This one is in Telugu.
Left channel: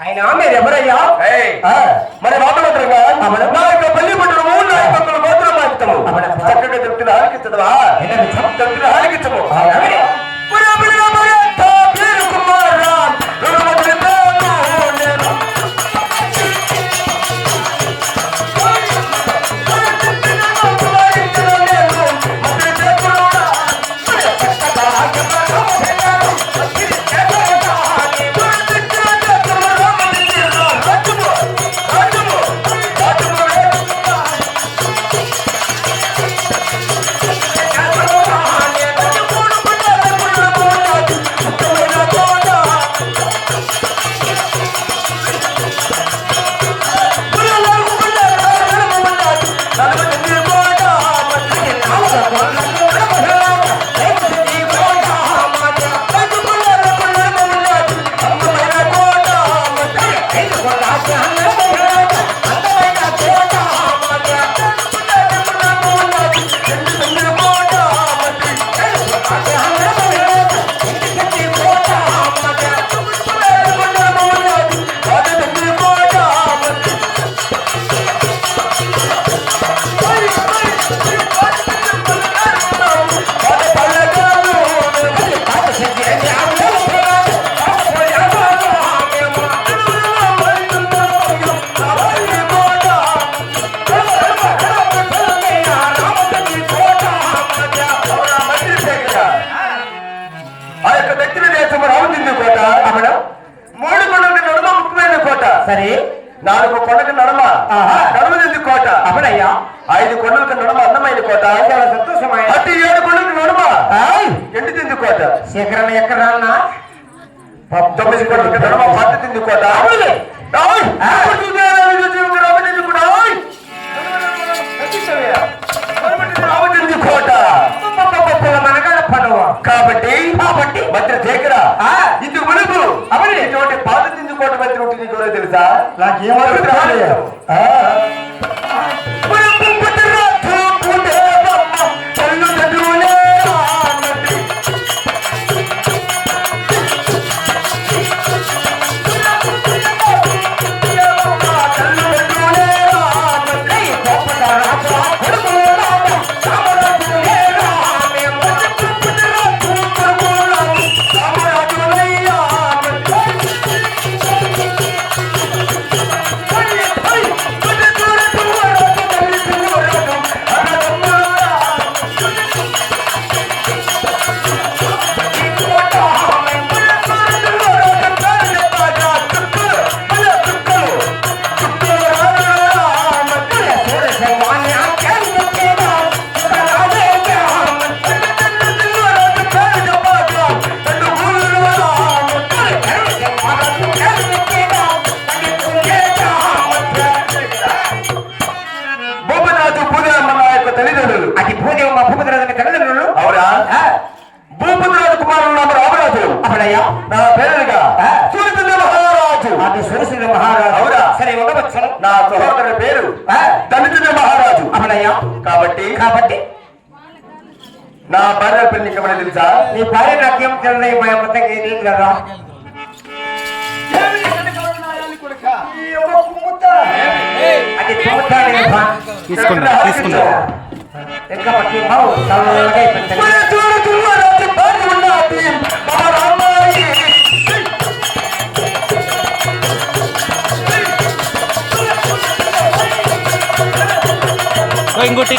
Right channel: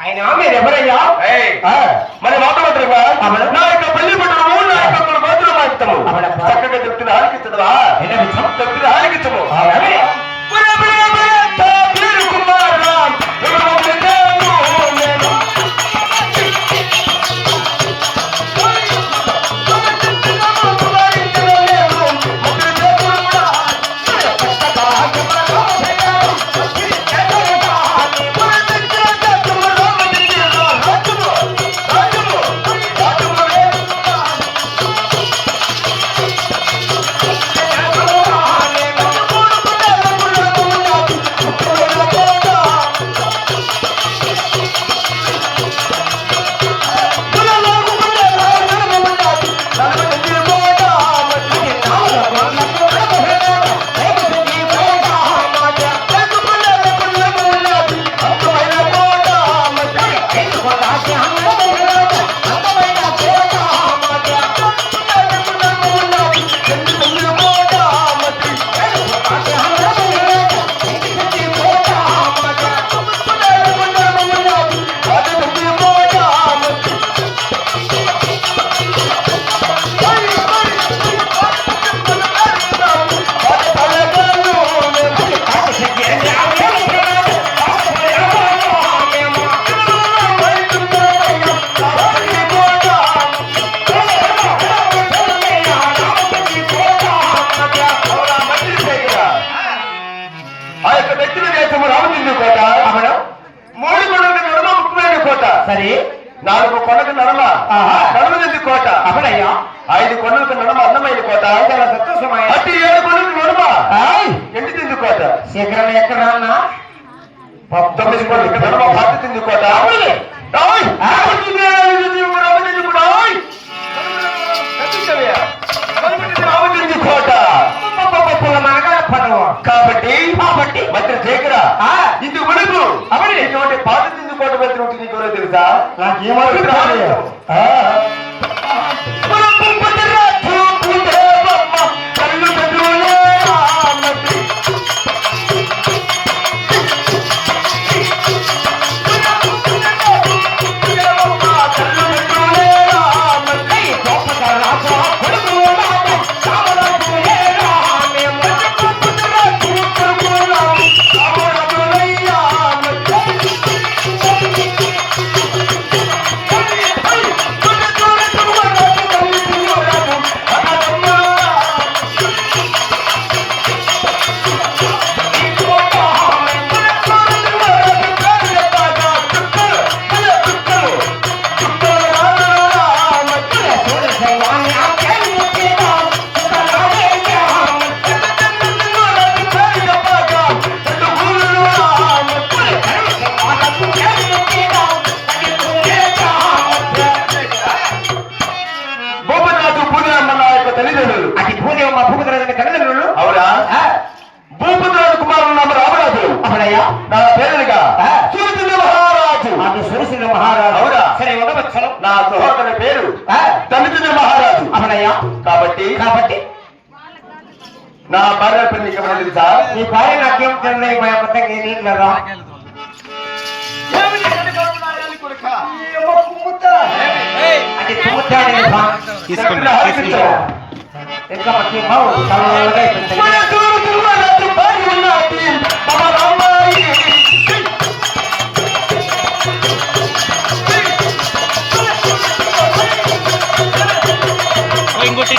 ఆయన మీరు ఎవరయ్యా? మన మాటమాత్రమా నా యొక్క పల్లి పట్టణము నా యొక్క మాత్రం మాట్లాడతాము చక్కగా చెప్తున్న ఆలకించదా చెప్తున్న ఆలకించము నాలుగు కొండకు నడమ నడమది కోట అవనయ్యా 5 కొండలకు నడమ అందమైన కోట అతి 7 కొండలకు నడమ ఎండితింది కోట శేఖరం ఎక్కడ 19 కొండలకు నడమ పాతింది కోట కోట కాబట్టి మంత్రి శేఖర ఇది ఉడుపు అవని పాతింది కోట మధ్య తెలుసా నాకేమో నా సహోదరుని పేరు దళితుల మహారాజు అవనయ్యా కాబట్టి నా భార్య పేరు నీకు ఏమైనా తెలుసా? నీ భార్య నాకేం తెలియదు కదా తీసుకున్నా ఇంకోటి